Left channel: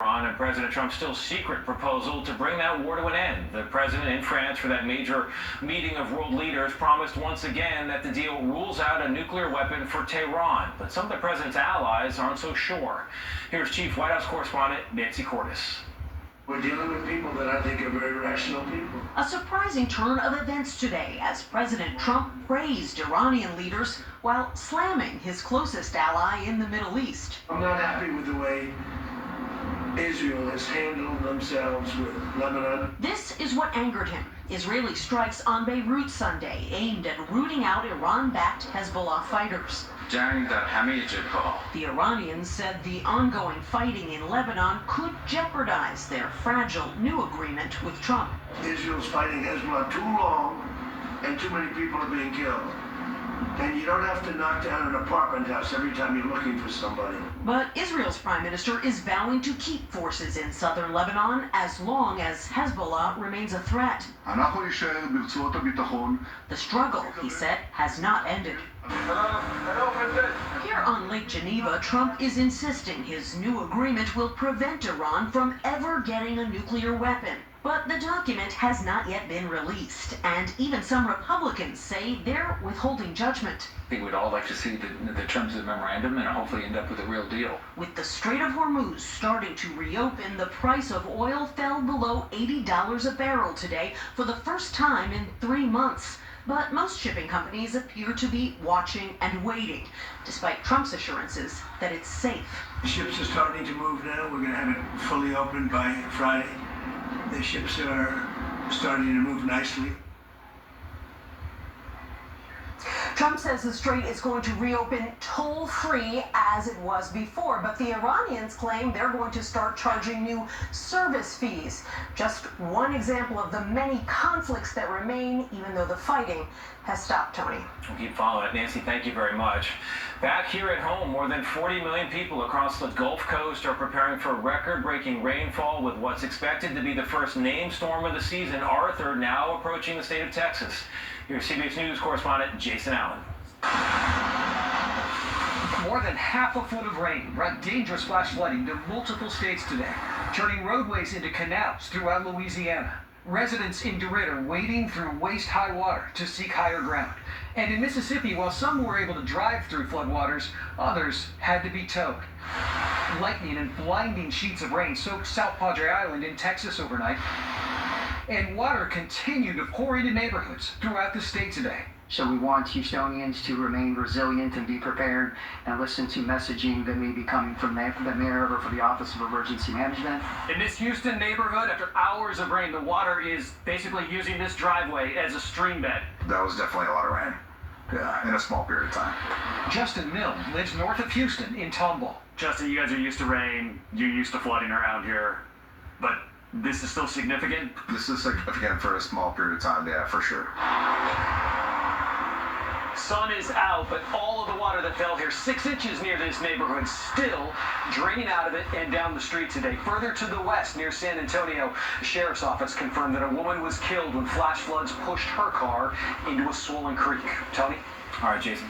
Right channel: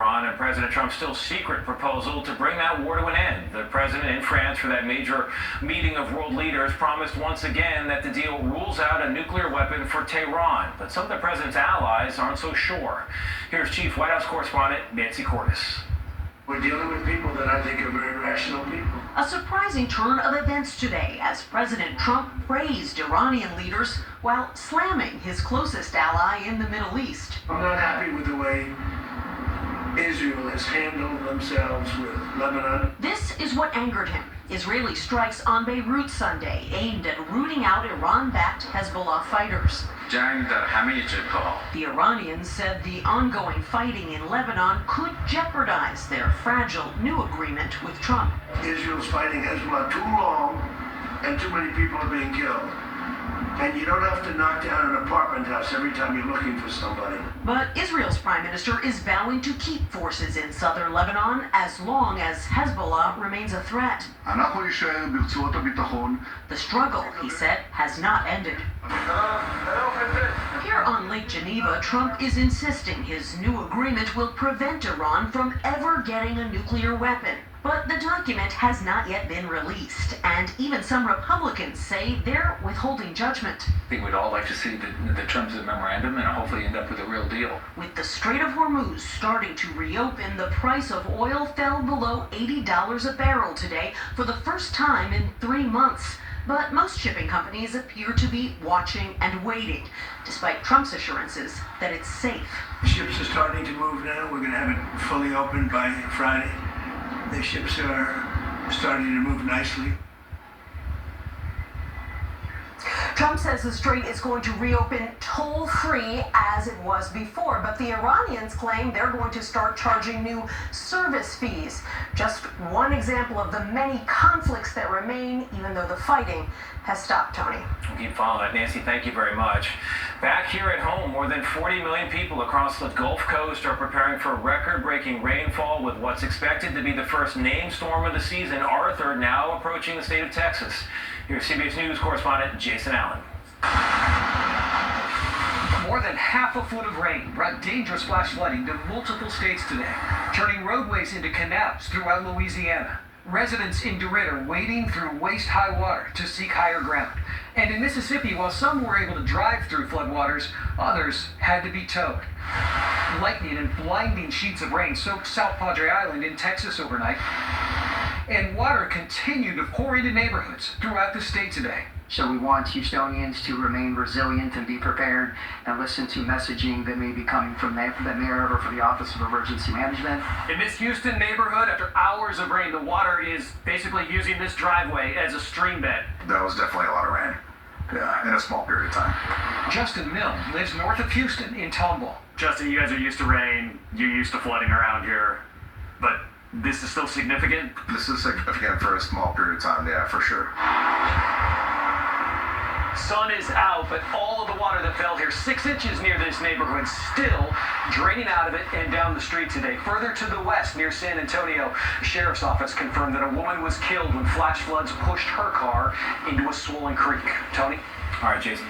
And President Trump's still secret proposal to bring that war to an end. The president in France for that major meeting of world leaders promised once again that the deal rules out a nuclear weapon for Tehran. But some of the president's allies aren't so sure. Here's Chief White House correspondent Nancy Cordes. We're dealing with people that I think are very rational people. A surprising turn of events today as President Trump praised Iranian leaders while slamming his closest ally in the Middle East. I'm not happy with the way Israel has handled themselves with Lebanon. This is what angered him. Israeli strikes on Beirut Sunday aimed at rooting out Iran-backed Hezbollah fighters. The Iranians said the ongoing fighting in Lebanon could jeopardize their fragile new agreement with Trump. Israel's fighting Hezbollah too long and too many people are being killed. And you don't have to knock down an apartment house every time you're looking for somebody. But Israel's prime minister is vowing to keep forces in southern Lebanon as long as Hezbollah remains a threat. The struggle, he said, has not ended. Here on Lake Geneva, Trump is insisting his new agreement will prevent Iran from ever getting a nuclear weapon. But the document has not yet been released, and even some Republicans say they're withholding judgment. I think we'd all like to see the terms of the memorandum and hopefully end up with a real deal. With the Strait of Hormuz starting to reopen, the price of oil fell below $80 a barrel today for the first time in 3 months. But most shipping companies appear to be watching and waiting, despite Trump's assurances that it's safe. Ships are starting to move now. We're going to have it fully open by Friday. The ships are starting to move nicely. Trump says the strait is going to reopen toll-free as it was before, but the Iranians claim they're going to start charging new service fees. Just one example of the many conflicts that remain, even though the fighting has stopped, Tony. We'll keep following it. Nancy, thank you very much. Back here at home, more than 40 million people across the Gulf Coast are preparing for record-breaking rainfall with what's expected to be the first named storm of the season, Arthur, now approaching the state of Texas. Here's CBS News correspondent Jason Allen. More than half a foot of rain brought dangerous flash flooding to multiple states today, turning roadways into canals throughout Louisiana. Residents in DeRidde are wading through waist-high water to seek higher ground. And in Mississippi, while some were able to drive through floodwaters, others had to be towed. Lightning and blinding sheets of rain soaked South Padre Island in Texas overnight, and water continued to pour into neighborhoods throughout the state today. So we want Houstonians to remain resilient and be prepared and listen to messaging that may be coming from the mayor or from the Office of Emergency Management. In this Houston neighborhood, after hours of rain, the water is basically using this driveway as a stream bed. That was definitely a lot of rain. Yeah, in a small period of time. Justin Milne lives north of Houston in Tomball. Justin, you guys are used to rain, you're used to flooding around here, but this is still significant? This is significant for a small period of time, yeah, for sure. Sun is out, but all of the water that fell here, 6 inches near this neighborhood, still draining out of it and down the street today. Further to the west, near San Antonio, the sheriff's office confirmed that a woman was killed when flash floods pushed her car into a swollen creek. Tony? All right, Jason.